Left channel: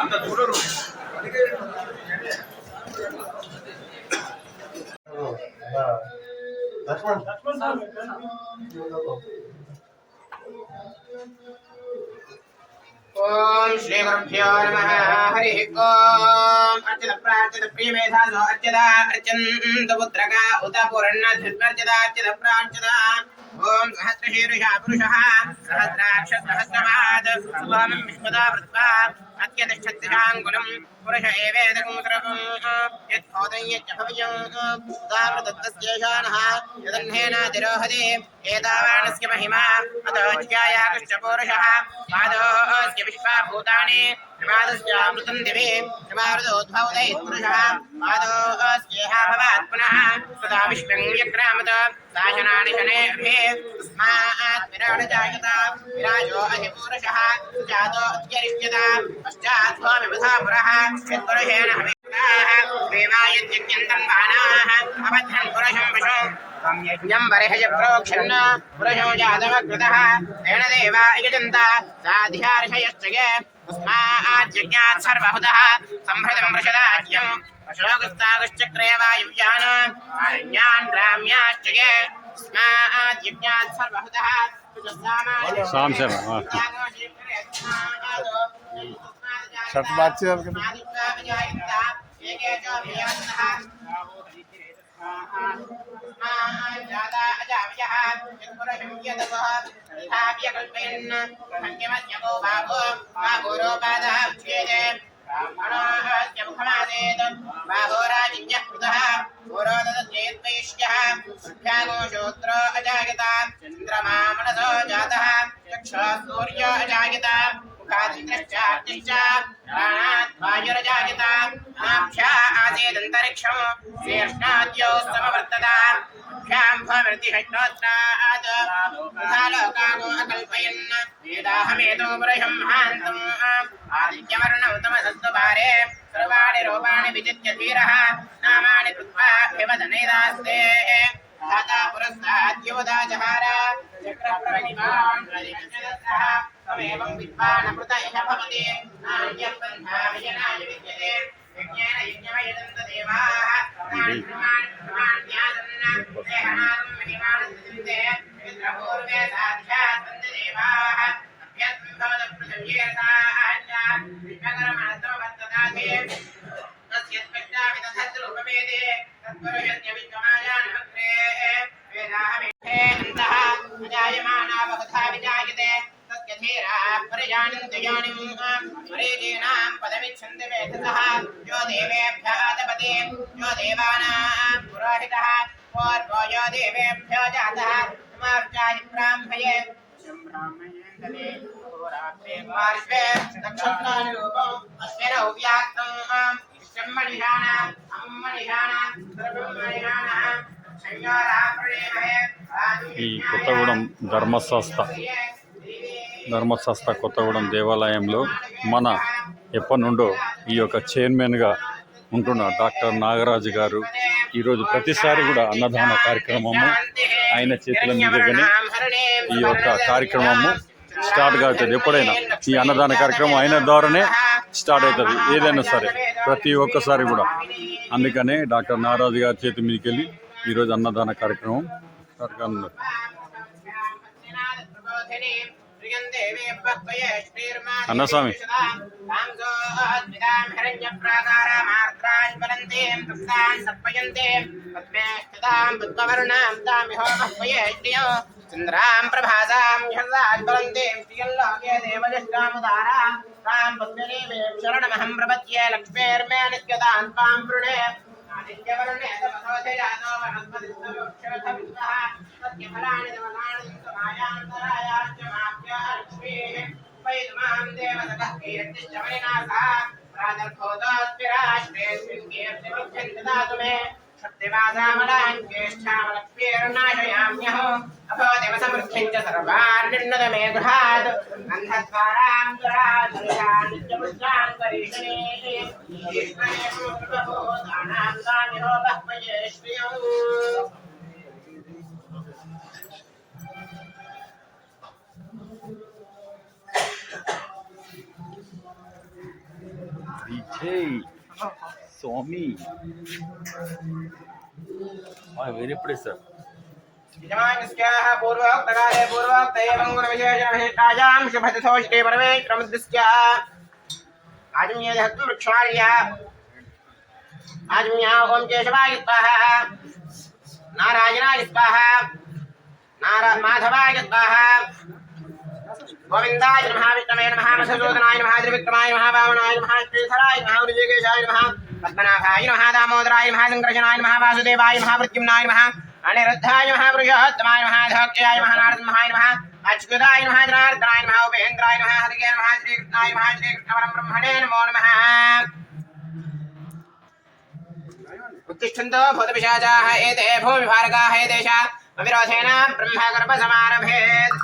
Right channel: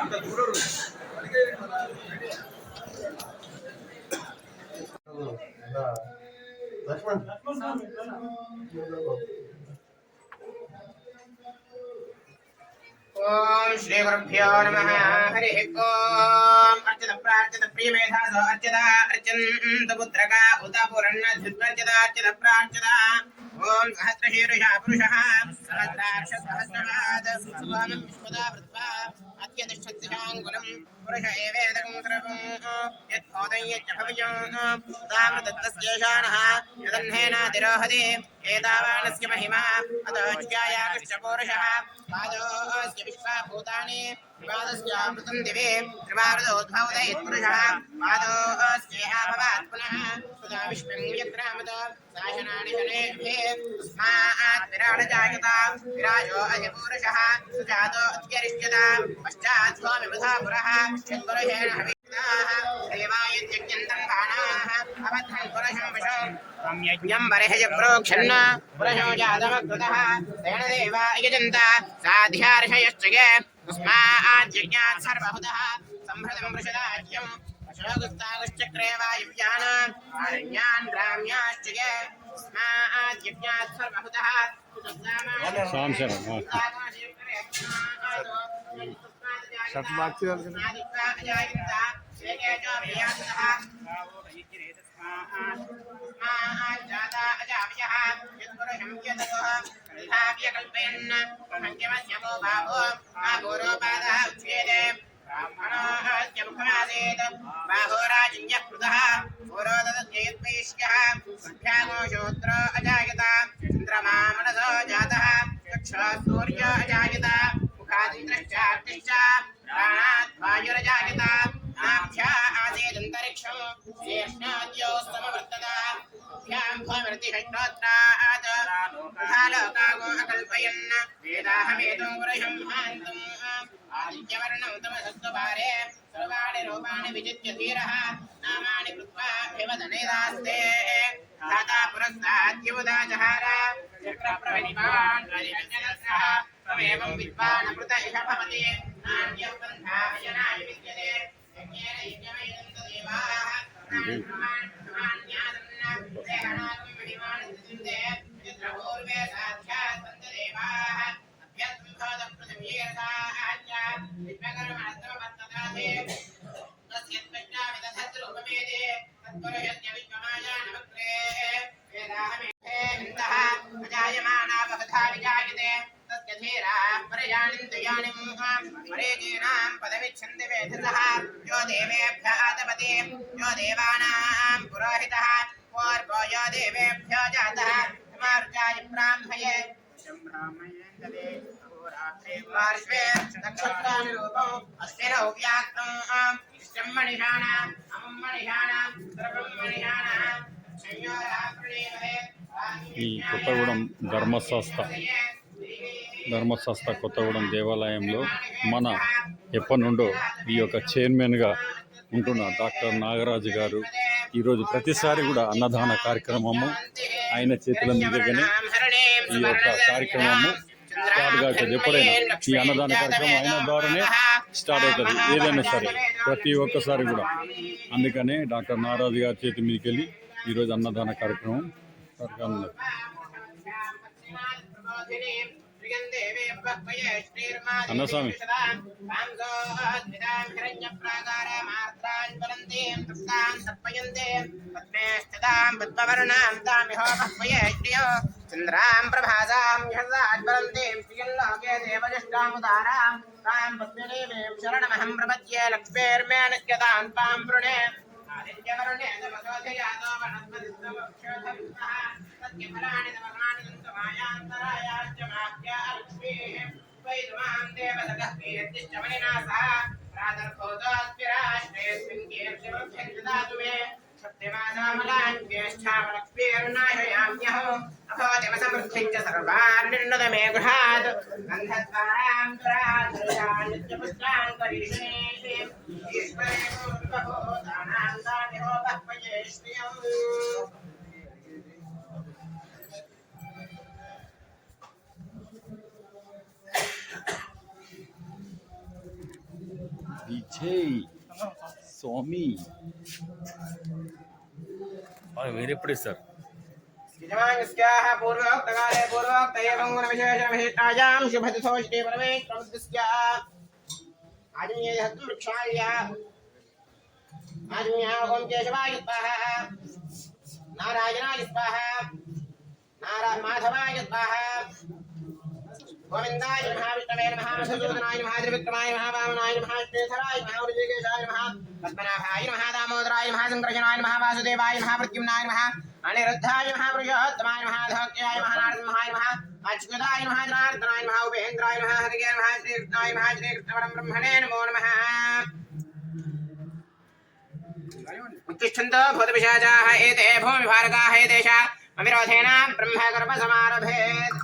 అంత చూడరు. ओम श्री गुरुभ्यो नमः हरि ओम अर्चित प्रार्चित प्रिय मेधासो अर्चिता अर्चन्त पुत्रका उत पुरन्न धृत्वर्चिता अर्चित प्रार्चिता ओम सहस्रशीर्षः पुरुषः सहस्राक्ष सहस्रपाद सुभामं विश्वदा वृत्वा अत्यतिष्ठत्तिशाङ्कुलं पुरुष एवेदकं सर्वं यत्भूतं यच्चभव्यं तामृतत्तस्येषाणः यदह्नेनातिरोहति एतावानस्य महिमा अतोऽज्ञायाकृश्च पुरुषः पादोऽस्य विश्वाभूतानि प्रमादस्यामृतं दिवे प्रमादोद्भवदैः पुरुषः पादोऽस्येह भवात् पुनः सदा विश्वं व्यक्रामत शासनानि शनेभिः तस्मात् विराडजायत विराजो अधिपुरुषः सुजातो अत्यरिष्यत पश्चात् स्वामिबुधा पुरः यत्पुरुषेण हविष्यताः देवायत्यज्ञन्तं बाणाः अबद्धन् पुरुषं पशुं त्वं यज्ञं बर्हय प्रोक्षन् पुरुषो जातमकृतः तेन देवा यजन्त साध्यार्षयश्च ये तस्मात् यज्ञात् सर्वहुतः सम्भृतं वृषदाज्यम् अशोकस्तागश्चक्रे वायुव्यान् आरण्यान् ग्राम्याश्च ये तस्मात् यज्ञात् सर्वहुतः बाहोराजिन्यः कृतः पुरोदतद्वैश्यः सुभ्यागो शूद्रो अजायत चन्द्रमा मनसो जातः चक्षुः सूर्यो अजायत मुखादिन्द्रश्चार्तिश्च प्राणात् वायुरजायत आभ्या आसीदन्तरिक्षं शेषणाद्यो समवर्तत भ्यां भवमृतिषट्रोत्रात् तथा लोकागो अकल्पयन् वेदाहमेतो पुरुषं महान्तम् आदित्यवर्णं तमसत्त्वभारे सर्वाणि रूपाणि विचित्य धीरः नामानि कृत्वा ह्यवदनेदास्ते धाता पुरस्ताद्योदा जहार चक्रप्रवणिमान् अधिगच्छदस्सः तमेवं विद्वानमृत इह भवति नान्यः पन्था विजनाय विद्यते यज्ञेन यज्ञमयजन्त देवाः प्राणान्यासन् देहनादं महिमानन्दन्ते पितृपूर्वे साध्यात् सन्ति देवाः अभ्यस्तं भवतपृथिव्येताश्च विश्वकर्मणस्तमवर्तताथे तस्यत्कष्टा विदधद्रूपवेदे तत्पुरुषस्य विश्वमायानमग्रे वेदाहमेधे अन्तः अजायमाना वहथा विजायते तस्य धीराः परिजानन्ति यानिम् मरीचीनां पदमिच्छन्ति वेधसः यो देवेभ्यः तपति यो देवानां पुरोहितः पूर्वो यो देवेभ्यो जातः समार्चाय ब्राह्मये पार्श्वे दक्षिणानिरूपम् अश्विनौ व्याक्तम् इष्टं मणिषाणाम् अमुं मणिषाणाम् सर्वं मणिषाणाम् ఈ కొత్తగూడెం ధర్మశాస్త్ర కొత్తగూడెం దేవాలయంలో మన ఎప్పటి నుండో ఈ యొక్క చైర్మన్గా ఉంటున్న డాక్టర్ నాగరాజు గారు ఈరోజు ప్రతిసారి కూడా అన్నదాన కార్యక్రమము ఆయన చేతుల మీదుగానే ఈ యొక్క కార్యక్రమము స్టార్ట్ అవుతుంది. ఎప్పుడైనా ఈ అన్నదాన కార్యక్రమం ఆయన ద్వారానే స్టార్ట్ అవుతుంది ఏదైనా సరే ప్రతి ఒక్కసారి కూడా. అందుకనే డాక్టర్ నాగరాజు గారి చేతి మీదకి వెళ్ళి ఈరోజు అన్నదాన కార్యక్రమం అన్నస్వామి चंद्रां प्रभासां ह्यर्राज्वलन्तीं श्रियल्लोके देवनिष्ठामुदारां तां पद्मनीमीं शरणमहं प्रपद्ये लक्ष्मीर्मे नित्यतां त्वां वृणे आदित्यवरुणे तपसोऽधिजातो वनस्पतिस्तमक्षोधविश्वः सत्यफलानि तमनानि समायान्तरायाश्च माह्या लक्ष्मीः वैद्मां देवतः कीर्तिश्च मणिनाथः प्रातर्भूतोऽस्मिराष्ट्रेऽस्मिन् कीर्तिवृद्धिं ददातु मे सत्यवासामलान्येष्ठामलक्ष्मीर्नाशयाम्यहो अभवतिमसमृद्धिञ्च सर्वान्निर्णदमे गृहात् गन्धद्वारान्तराधरिषान्नित्यपुष्टान्तरीषणे ईश्वरे कृपभूतानां स्वामिनो बह्वये श्रियम् స్వామి మీరు ఎప్పుడు ఇస్తారు? यजमानस्याः पूर्वोक्तकाले पूर्वोक्त एवं गुणविशेषणविशिष्टायां शुभतिथोष्टे परमेश्वरमुद्दिश्य आजम्येधत्वं वृक्षाल्य आजम्या ओं केशवाय स्वाहा नारायणाय स्वाहा माधवाय स्वाहा गोविन्दाय नमः विष्णवे नमः मधुसूदनाय नमः त्रिविक्रमाय नमः वामनाय नमः श्रीधराय नमः ऋषिकेशाय नमः पद्मनाभाय नमः दामोदराय नमः संकर्षणाय नमः वासुदेवाय नमः प्रद्युम्नाय नमः अनिरुद्धाय नमः पुरुषोत्तमाय नमः धोक्याय नमः नारसिंहाय नमः अच्युताय नमः जनार्दनाय नमः उपेन्द्राय नमः हरिये नमः श्रीकृष्णाय नमः श्रीकृष्णपरं ब्रह्मणे नमो नमः उत्तिष्ठन्तो भूतपिशाचाः एते भूमिभारकाः एतेष अविरोधेन ब्रह्मगर्भसमारभेत्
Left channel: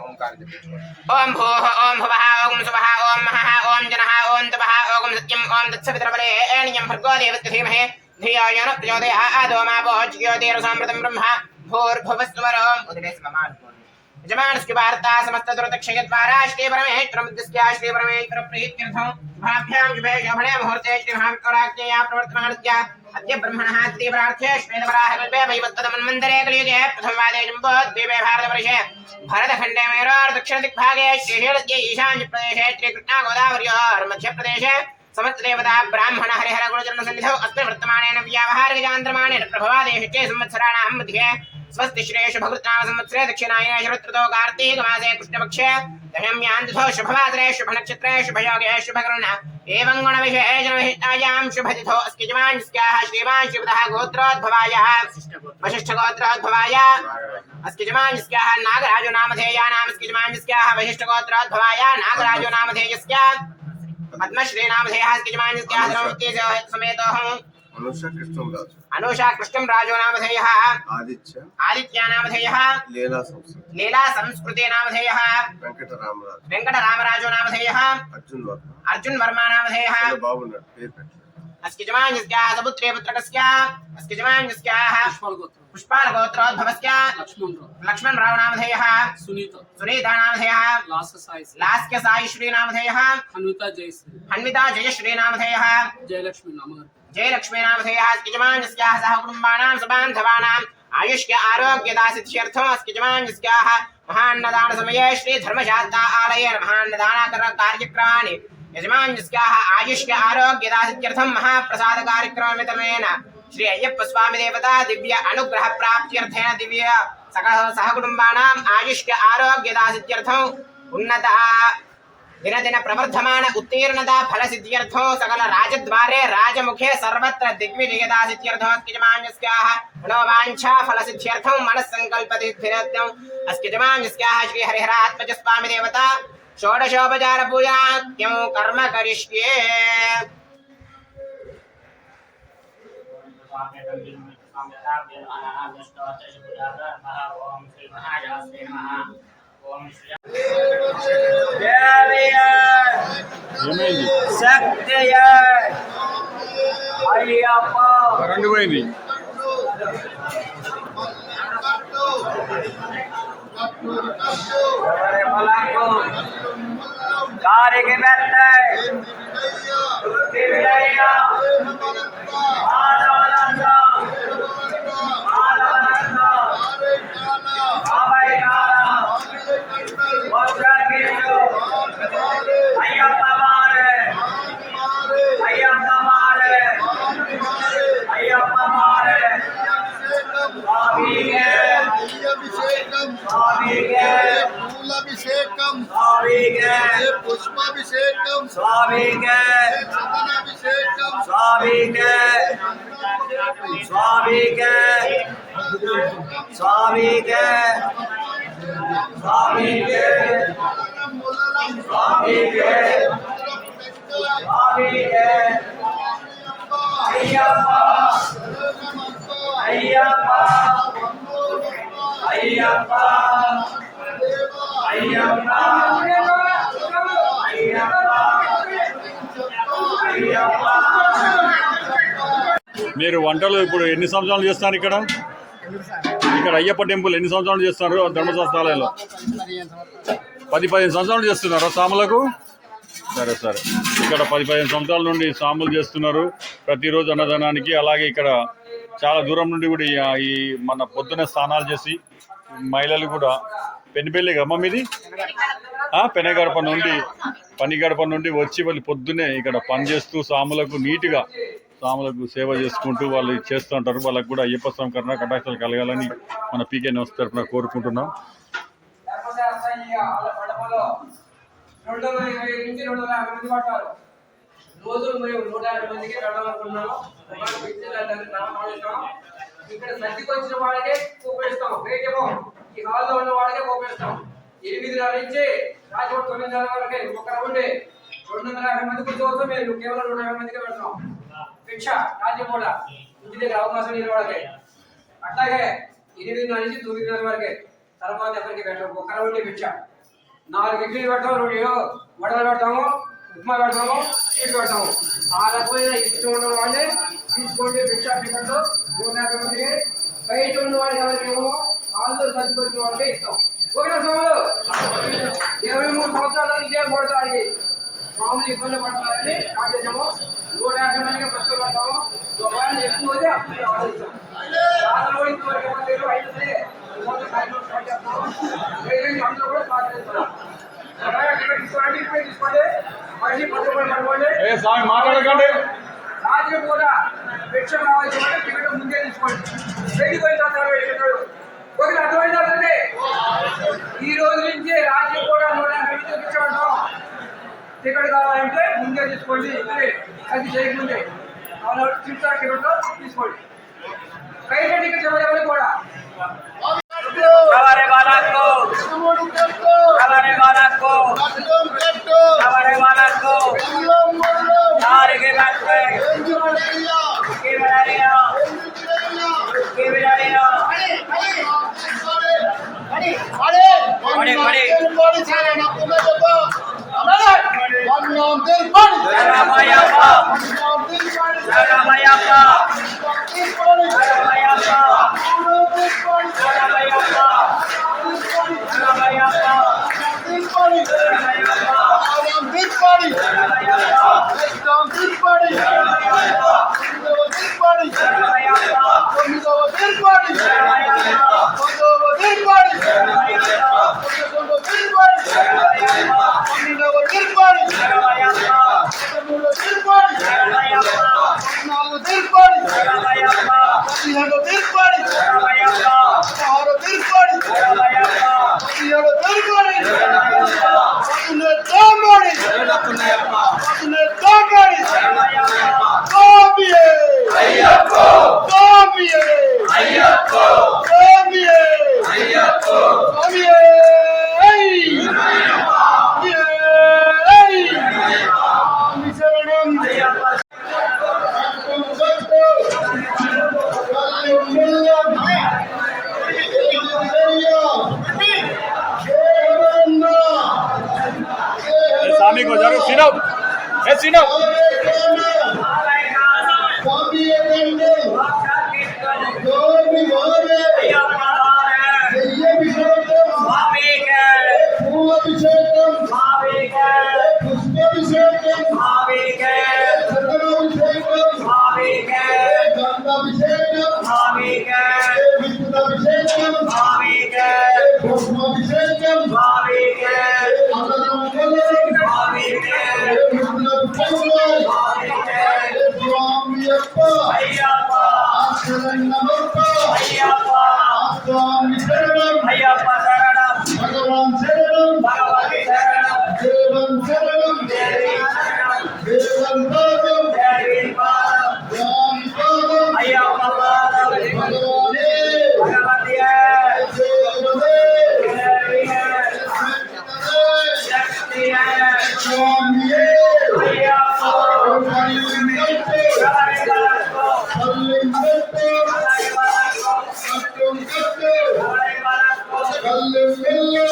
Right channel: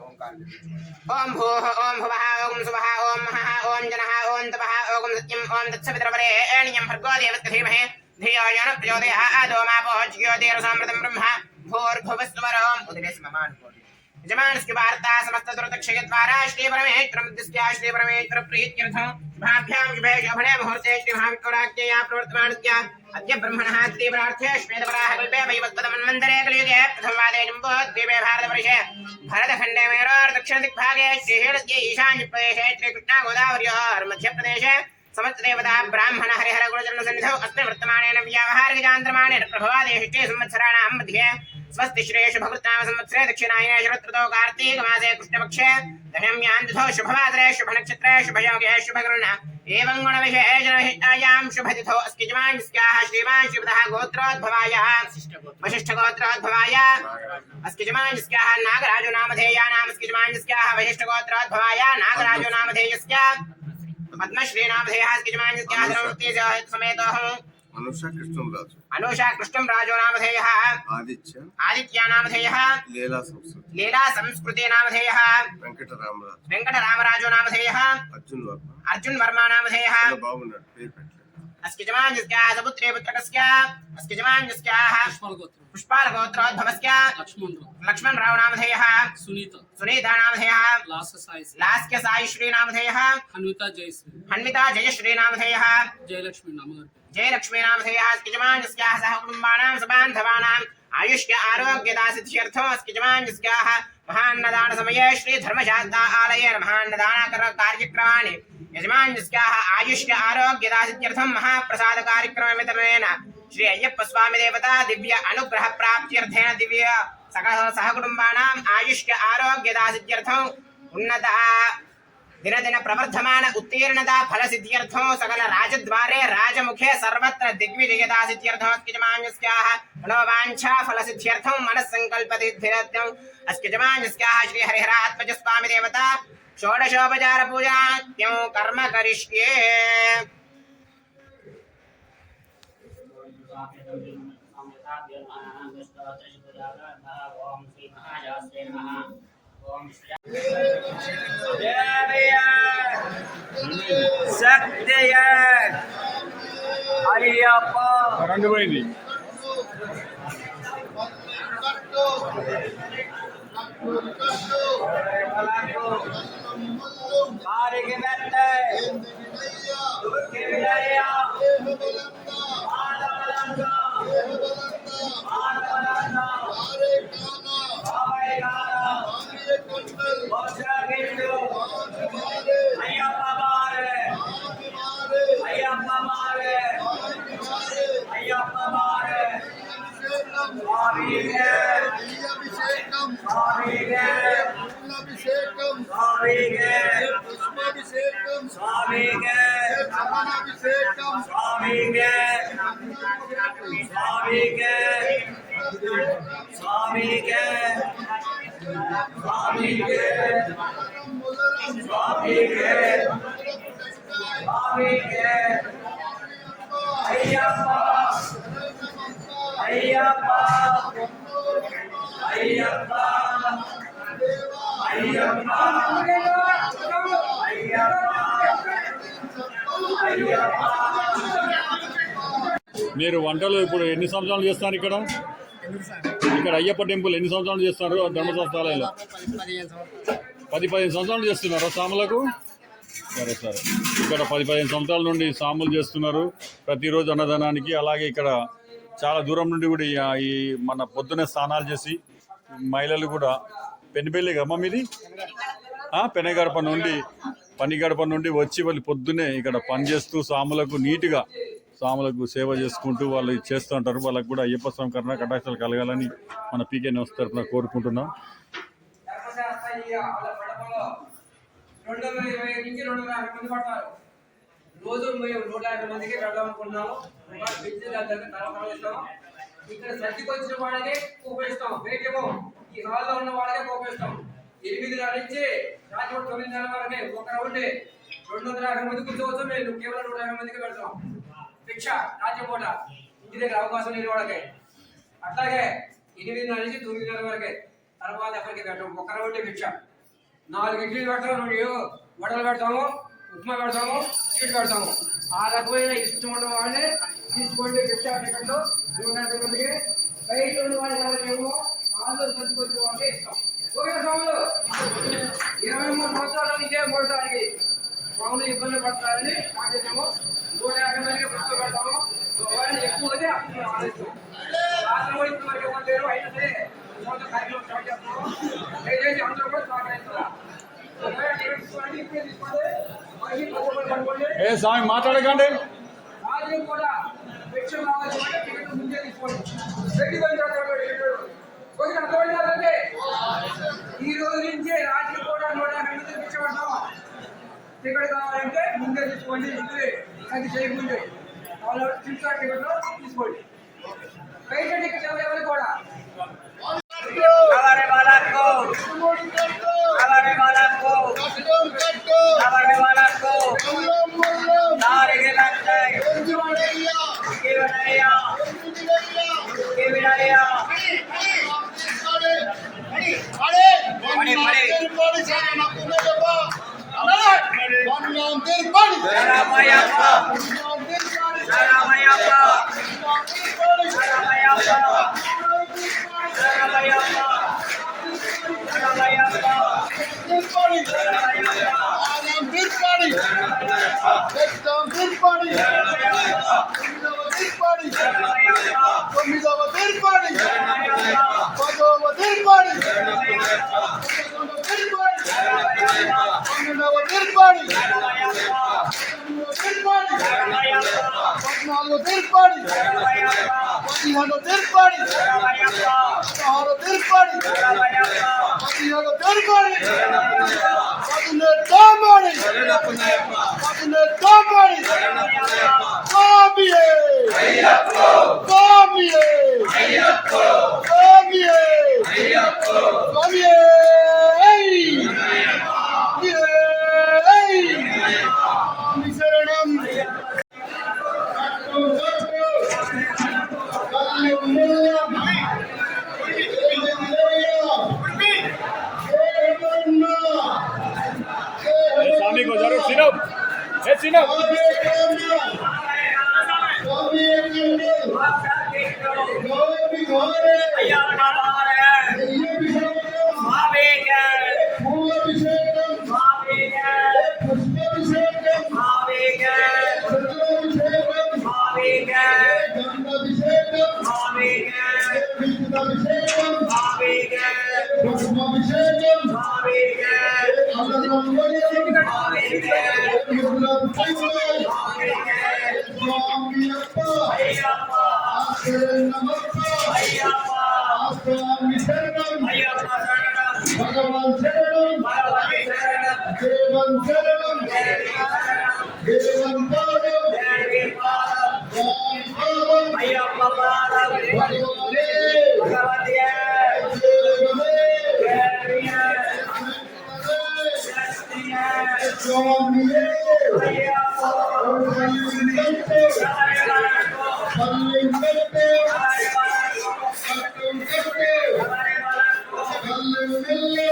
ओम भूः ओम भुवः ओम सुवः ओम महः ओम जनः ओम तपः ओम सत्यं ओम तत्सवितुर्वरेण्यं भर्गो देवस्य धीमहि धियो यो नः प्रचोदयात् ओमापो ज्योतिरसामृतं ब्रह्म भूर्भुवस्वरम् उदिवेशममान् यजमानस्य वार्ता समस्तदुरतक्षयद्वारा श्रीपरमेश्वरमुद्दिश्य श्रीपरमेश्वरप्रीत्यर्थं शुभाभ्यां शुभे शोभने मुहूर्ते श्रीमहाविष्णुराज्ञया प्रवर्तमानस्य अद्य ब्रह्मणः तीव्रार्थे श्वेतवराह कल्पे वैवत्तमन्वन्तरे कलियुगे प्रथमवादे जम्बोद्वीपे भारतवर्षे भारतखण्डे मेरोर् दक्षिणदिग्भागे श्रीशैलस्य ईशान्यप्रदेशे श्रीकृष्णा गोदावर्योर् मध्यप्रदेशे समस्तदेवता ब्राह्मण हरिहर गुणचरणसन्निधौ अस्मिन् वर्तमानेन व्यावहारिकचान्द्रमाणेन प्रभवादेशे संवत्सराणां मध्ये स्वस्ति श्रेषु भगवत्नाम संवत्सरे दक्षिणायने शरदृतौ कार्तीकमासे कृष्णपक्षे दशम्यान्तिथो शुभवासरे शुभनक्षत्रे शुभयोगे शुभकर्ण एवं गुणविशेषणविशिष्टायां शुभतिथौ अस्ति यजमानस्याः श्रीमान् श्रीपदः गोत्रोद्भवाय वसिष्ठगोत्रोद्भवाय अस्ति यजमानस्याः नागराजो नामधेयानाम् अस्ति यजमानस्याः वसिष्ठगोत्रोद्भवाय नागराजो नामधेयस्य पद्मश्री नामधेयः अस्ति यजमानस्याः समेतोऽहम् अनुषा कृष्णं राजो नामधेयः आदित्य नामधेयः लीला संस्कृति नामधेयः वेंकटरामराजो नामधेयः अर्जुन वर्मा नामधेयः अस्ति यजमानस्याः सपुत्रे पुत्रकस्य अस्ति यजमानस्याः पुष्पाल गोत्रोद्भवस्य लक्ष्मणराव नामधेयः सुनीता नामधेयः लास्क्य साईश्री नामधेयः हन्विता जयश्री नामधेयः जयलक्ष्मी नामधेयः अस्ति यजमानस्याः सह कुटुम्बानां सबान्धवानाम् आयुष्य आरोग्यदासिद्ध्यर्थम् अस्ति यजमानस्याः महान्नदानसमये श्रीधर्मशास्ता आलयेन महान्नदानकार्यक्रमाणि यजमानस्याः आयुष्य आरोग्यदासिद्ध्यर्थं महाप्रसादकार्यक्रमवितरणेन श्री अय्यप्प स्वामी देवता दिव्य अनुग्रह प्राप्त्यर्थेन दिव्य सह कुटुम्बानाम् आयुष्य आरोग्यदासिद्ध्यर्थम् उन्नता दिन दिन प्रवर्धमान उत्तीर्णता फल सिद्ध्यर्थो सकल राजद्वारे राजमुखे सर्वत्र दिग्विजयता सिद्ध्यर्थो यजमानस्याः मनोवाञ्छा फल सिद्ध्यर्थं मनस्संकल्प सिद्ध्यर्थम् अस्ति यजमानस्याः श्री हरिहरात्मज स्वामी देवता षोडशोपचार पूजनात्यं कर्म करिष्ये శక్తియ అయ్యప్ప రంగమైంది కారికి పెట్ట పూలాభిషేకం పుష్పాభిషేకం చందనాభిషేకం స్వామికే స్వామికే స్వామికే స్వామికే స్వామికే స్వామికే అయ్యప్ప అయ్యప్ప అయ్యప్ప అయ్యప్ప అయ్యప్ప మీరు వంటలు ఇప్పుడు ఎన్ని సంవత్సరాలు చేస్తున్నారు ఇక్కడ? ఇక్కడ అయ్యప్ప టెంపుల్ ఎన్ని సంవత్సరాలు చేస్తారు ధర్మశాస్త్రాలయంలో? 10-15 సంవత్సరాలు చేస్తున్నారు సాములకు. సరే సరే, ఇక్కడ 10-15 సంవత్సరాల నుండి సాములు చేస్తున్నారు ప్రతిరోజు అన్నదానానికి. అలాగే ఇక్కడ చాలా దూరం నుండి కూడా ఈ మన పొద్దునే స్నానాలు చేసి మహిళలు కూడా పెనుబెల్లి గమ్మ మీది పనిగడప నుండి వచ్చి వాళ్ళు పొద్దునే ఇక్కడ పని చేస్తూ సాములకు సేవ చేసుకుంటూ వాళ్ళు చేస్తూ ఉంటారు. వాళ్ళకు కూడా అయ్యప్ప స్వామి కటాక్షాలు కలగాలని మన పీకే న్యూస్ తరఫున కోరుకుంటున్నాం. రోజు మేము 150 మందికి పెట్టాలనుకున్నాము. ఇక్కడ సర్దికి వచ్చిన వాళ్ళకే కోపేస్తాం, వేయటం ఈ హాల్లో ఉన్న వాళ్ళకే కోపేస్తాం. 8 నుంచి రాత్రి 9 వరకే ఒక రౌండే 250 మంది కూర్చోవచ్చు. మేము కేవలం 150 మందికి పెడతాం. భిక్ష రాజ్యపూట ఇంటి దగ్గర అవకాశం లేని వాళ్ళకి. అట్లాగే 8 నుంచి 9 వరకే, తర్వాత ఎవరికి పెట్టాం. ఒక రౌండే భిక్ష. 4 ఇడ్లీలు పెడతాం, 2 వడలు పెడతాము, ఉప్మా పెడతాము, స్వీట్ పెడతాము. ఆ రకమైన ఇష్టం ఉన్న వాళ్ళే తీసుకోండి. భిక్ష టికెట్లు 150 మందికి. బయట ఉన్న వాళ్ళకి ఎవరికేమో హాల్లో సర్దుకొచ్చిన వాళ్ళకే ఇస్తాం. ఓకే స్వాములు, 23 సంవత్సరాలు ఇదే పడతాయి. స్వాములు ఇబ్బంది పడతారని ఆదేశము. 150 మందికి ప్రశ్న పెడతాము. ఒకవేళ ఎక్కువ అయితే అప్పుడు ఆలోచిస్తాం. రాత్రి అయితే అందరూ కూడా సహకరిస్తున్నాం. తీసుకోండి, మళ్ళీ పట్టుబడి మాట్లాడకండి. రాత్రి కూడా భిక్ష కావాల్సిన టికెట్ ముందే తీసుకోండి. బయటికి పోయిన తర్వాత ఓకే అర్థమైందంటే ఈ రోజు నుంచి రాత్రి కూడా 150 భిక్ష పెడతాం. టికెట్ కావాలంటే ముందే తీసుకోండి. అది చేయకముందే చిన్న టికెట్లో తీసుకోండి. బయట టికెట్ ఎవరెవరికి కూడా हमारे बालक को नारे के बैठे के बिड़ारिया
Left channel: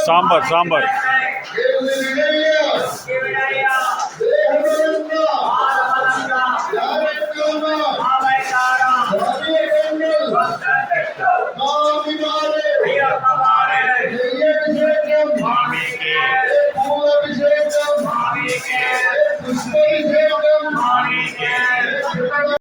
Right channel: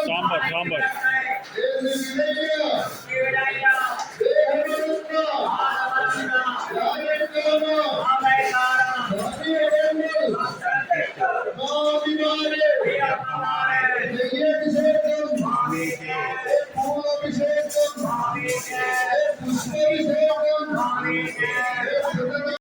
సాంబార్